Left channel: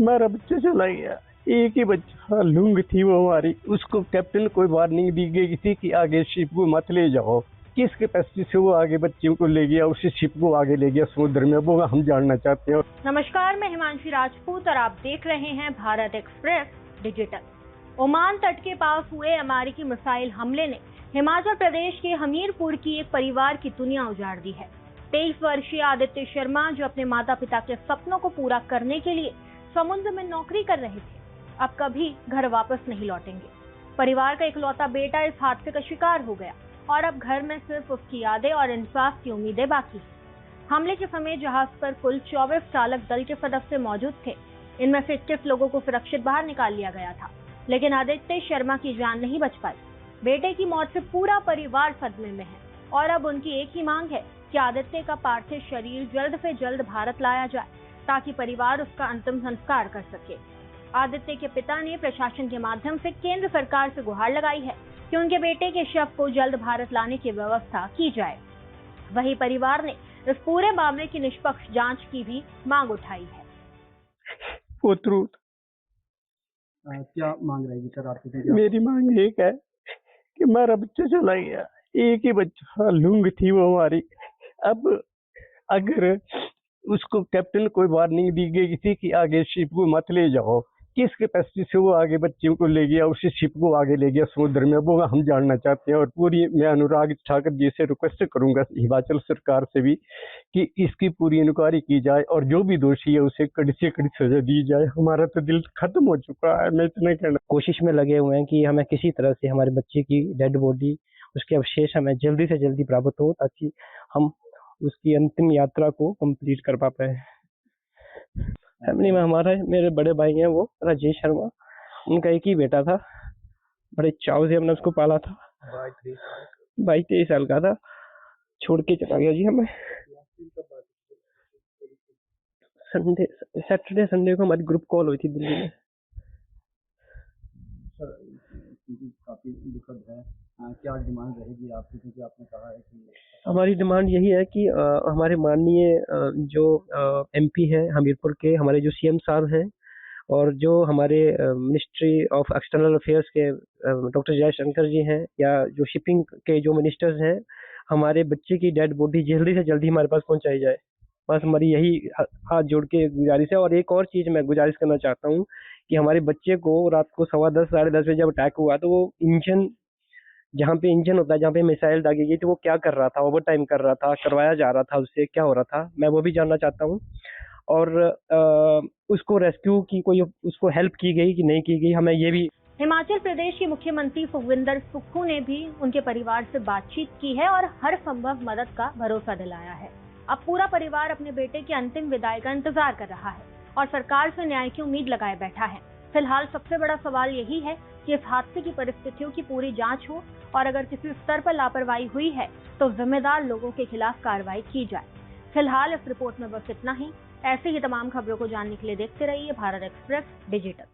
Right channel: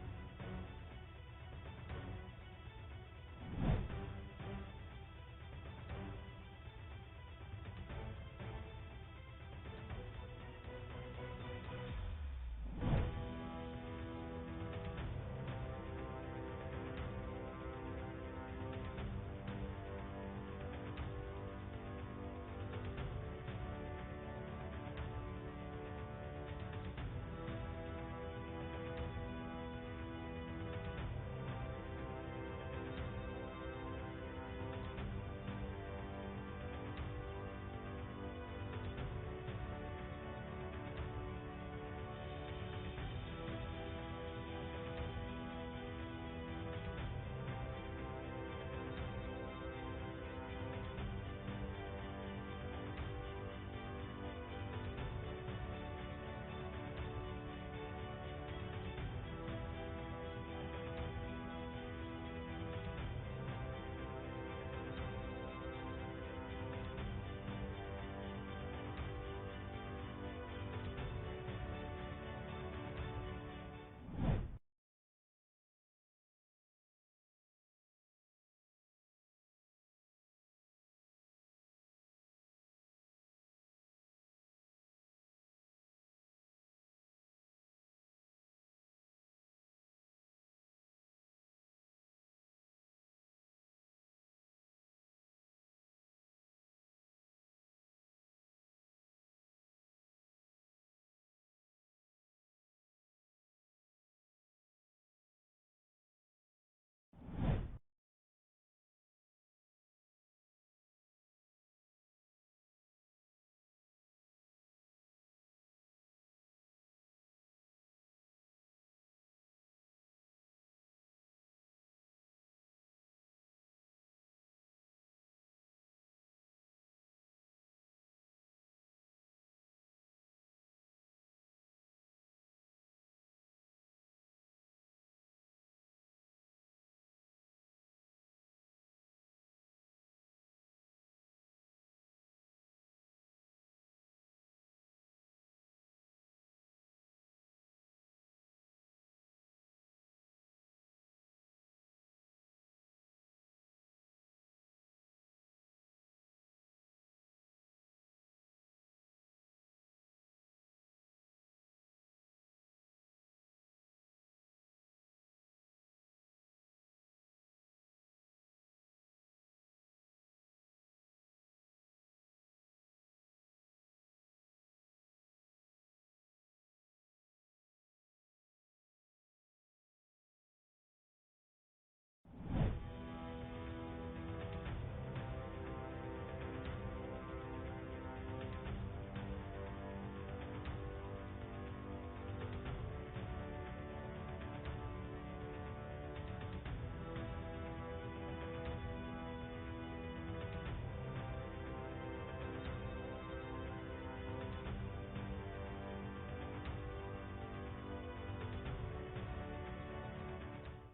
हमारा बच्चा चला गया। एक ही बच्चा लूंग थी वो हमारी, उसको कैप्टन कोई वार्निंग दी गई थी कि आगे शिप को मत ले जाओ। किस कैपेसिटी से वो आगे बच्चे को ले गया, उसी शिप को आगे ले गया समुद्र में, वो हम जानना चाहते हैं। नमस्कार, मैं हिमांशी राजपूत और आप देख रहे हैं भारत एक्सप्रेस डिजिटल। ओमान तट के पास हुए अमेरिकी मिसाइल हमले ने हिमाचल प्रदेश के हमीरपुर की एक परिवार की दुनिया उजाड़ दी है। 23 वर्षीय आदित्य शर्मा, जो अपने माता पिता के सपनों को पूरा करने के लिए समुद्र में नौकरी कर रहे थे, अब कभी घर वापस नहीं लौटेंगे। परिवार का इकलौता बेटा इस हादसे का शिकार हो गया और अब घर में सिर्फ उसकी यादें और इंसाफ की उम्मीदें बाकी हैं। हमले के समय जहाज पर कुल 24 चालक दल के सदस्य मौजूद थे। इनमें से 21 लोगों को सुरक्षित बाहर निकाल लिया गया था, लेकिन आदित्य शर्मा की जान नहीं बच पाई। बेटे की मौत से पूरा परिवार सदमे में है और अब उनकी एक ही मांग है कि आदित्य का पार्थिव शरीर जल्द से जल्द भारत लाया जाए, ताकि परिवार उसका अंतिम संस्कार कर सके। आदित्य के पिता ने प्रशासन के माध्यम से केंद्र सरकार से गुहार लगाई है कि उनके बेटे के शव को जल्द भारत लाने की व्यवस्था की जाए। वहीं परिवार ने इस पूरे मामले की निष्पक्ष जांच की भी मांग उठाई है। पोतरू, क्या मांग रहेगी सर आपकी? मेरी मांग एक है कि हमारा बच्चा चला गया। एक ही बच्चा लूंग थी वो हमारी। अब अगर उसको कैप्टन कोई वार्निंग दी गई थी कि आगे शिप को मत ले जाओ, किस कैपेसिटी से वो आगे बच्चे को ले गया, उसी शिप को आगे ले गया समुद्र में, वो हम जानना चाहते हैं। और पूरी मैं अनुराग ठाकुर जी से रिक्वेस्ट करूंगा, हिमाचल सरकार से भी, कि इसकी पूरी इंक्वायरी की जाए और जो भी दोषी है उसे कड़ी से कड़ी सजा दी जाए। हमारा तो दिल खत्म हो चुका है। मैं इतना कहना, कोशिश में लगे हुए हैं कि हमें किसी तरह से हमारे बच्चे की डेड बॉडी, उसके अवशेष हमें जल्दी से जल्दी प्राप्त हो, ताकि हम उसकी अंतिम यात्रा को कंप्लीट कर पा पाए। फैमिली में हमारा मेरे बड़े भाई हैं, वो राजेश शर्मा, उनका एक ही बेटा था। बड़े चाव से हमने उसको पाला था। 22-23 साल का था, छोड़ के चला गया जी हमें। सैटरडे संडे को हमारी ग्रुप कॉल हुई थी दिल्ली में। काफी दुखद है। क्या डिमांड रहेगी आपकी? क्योंकि आपने कहा है कि हमारी डिमांड यही है कि हमारे माननीय जो एमपी है हमीरपुर के, हमारे जो सीएम साहब हैं, और जो हमारे मिनिस्ट्री ऑफ एक्सटर्नल अफेयर्स के डॉक्टर जयशंकर जी हैं, या जो शिपिंग के जो मिनिस्टर्स हैं, हमारे बच्चे की डेड बॉडी जल्दी से जल्दी हमारे पास पहुंचाई जाए। बस हमारी यही हाथ जोड़ के गुजारिश है। और एक और चीज मैं गुजारिश करना चाहता हूँ कि हमारे बच्चे को रात को 10:15 साढ़े 10 बजे जब अटैक हुआ, तो वो इंजन, जहाँ पे इंजन होता है, जहाँ पे मिसाइल दागी गई, तो वो क्या कर रहा था? ओवर टाइम कर रहा था, करवाया जा रहा था, उससे क्या हो रहा था, मैं वो भी जानना चाहता हूँ। और उसको रेस्क्यू की कोई उसको हेल्प की गई कि नहीं की गई, हमें ये भी। हिमाचल प्रदेश के मुख्यमंत्री सुखविंदर सुक्खू ने भी उनके परिवार से बातचीत की है और हर संभव मदद का भरोसा दिलाया है। अब पूरा परिवार अपने बेटे की अंतिम विदाई का इंतजार कर रहा है और सरकार से न्याय की उम्मीद लगाए बैठा है। फिलहाल सबसे बड़ा सवाल यही है कि इस हादसे की परिस्थितियों की पूरी जांच हो और अगर किसी स्तर पर लापरवाही हुई है तो जिम्मेदार लोगों के खिलाफ कार्रवाई की जाए। फिलहाल इस रिपोर्ट में बस इतना ही। ऐसे ही तमाम खबरों को जानने के लिए देखते रहिए भारत एक्सप्रेस डिजिटल।